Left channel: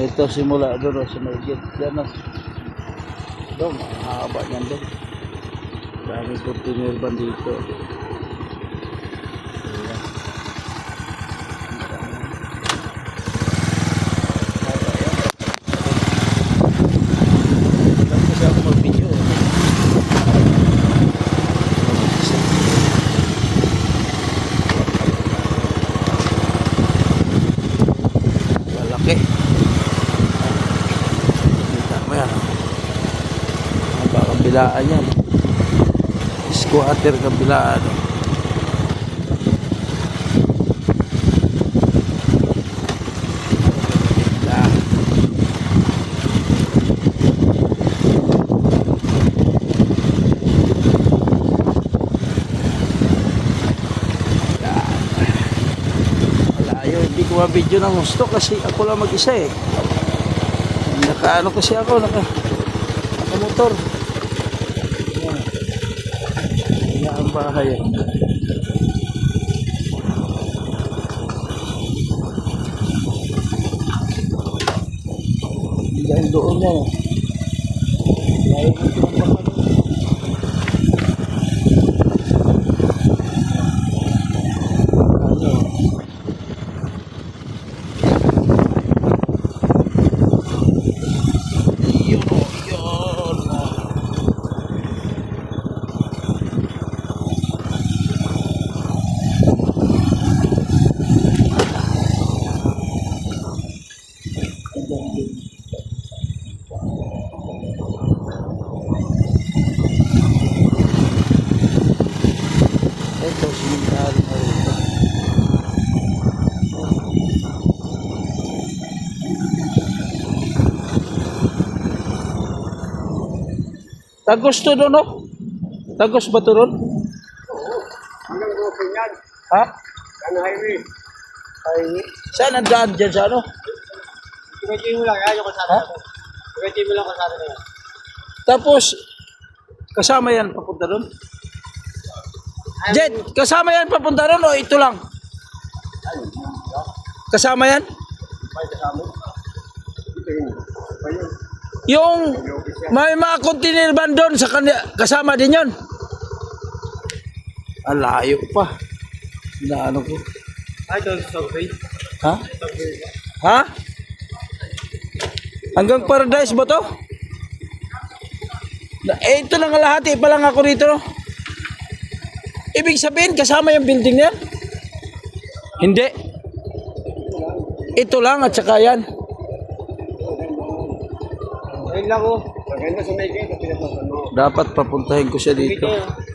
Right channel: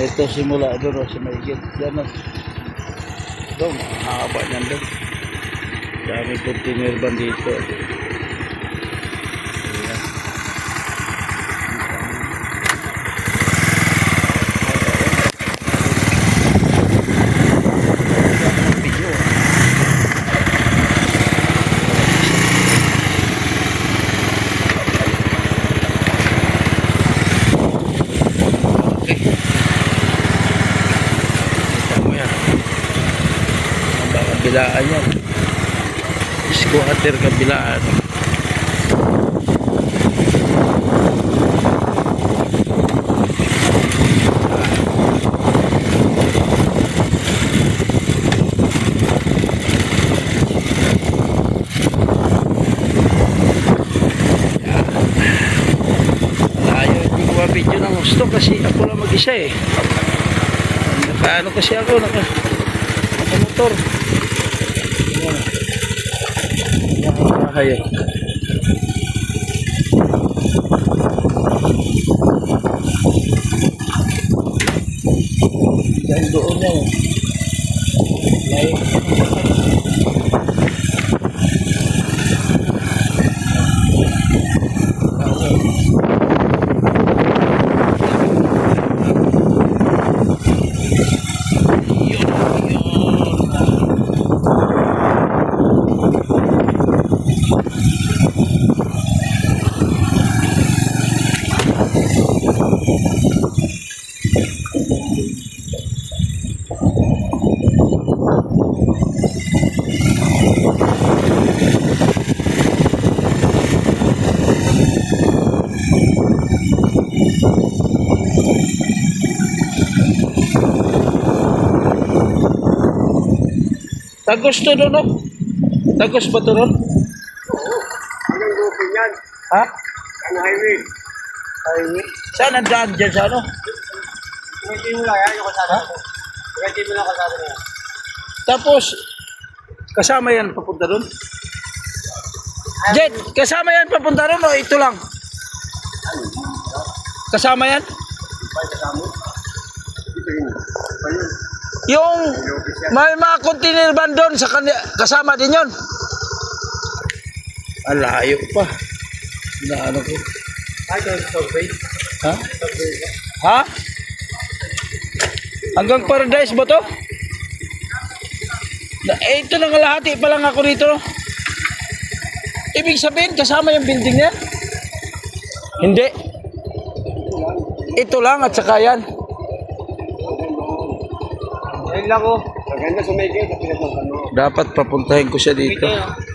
Ito simula doon sa may gate. Yan na. Doon, mahaba niyan doon. Dami container van dito. Ayan. Kasi ako mag-video. Okay. Kita mo yan. Baka kabilaan yan. Squatter kabilaan. Malayo, hindi ko ma-video ng gusto kasi ako lang mag-isa eh. Nakaano kasi ako, nakamotor. Nakapahay. Dahil doon yan eh. Layo ko naman pa. Tagos to doon, no? Tagos ba to doon? Oo. Anong grupo yan? Ha? Ano highway? Highway? Saan ang daan dyan sa ano? Tumitin mo lang yan, yung kasama na. Tumitin mo lang kasama na yan. Tapos, kasama yan papunta doon? Jet, kasama yan papunta doon o ito lang? Kasama yan? Kasama? Ito yun. Ayun. Yung may mga container van doon sa kasama din yon. Alayo pa. Na ano ko? Ay, ito survey. Ha? Ha? Hanggang Paradise ba to? Ito lang kalahati pa lang ako dito. Ibig sabihin kasama yung building na yan? Hindi. Ito lang at saka yan. Ayun lang ko. Maganda sumigil sa pinagmasan mo. Dapat papuntahin ko siya dito. Dito.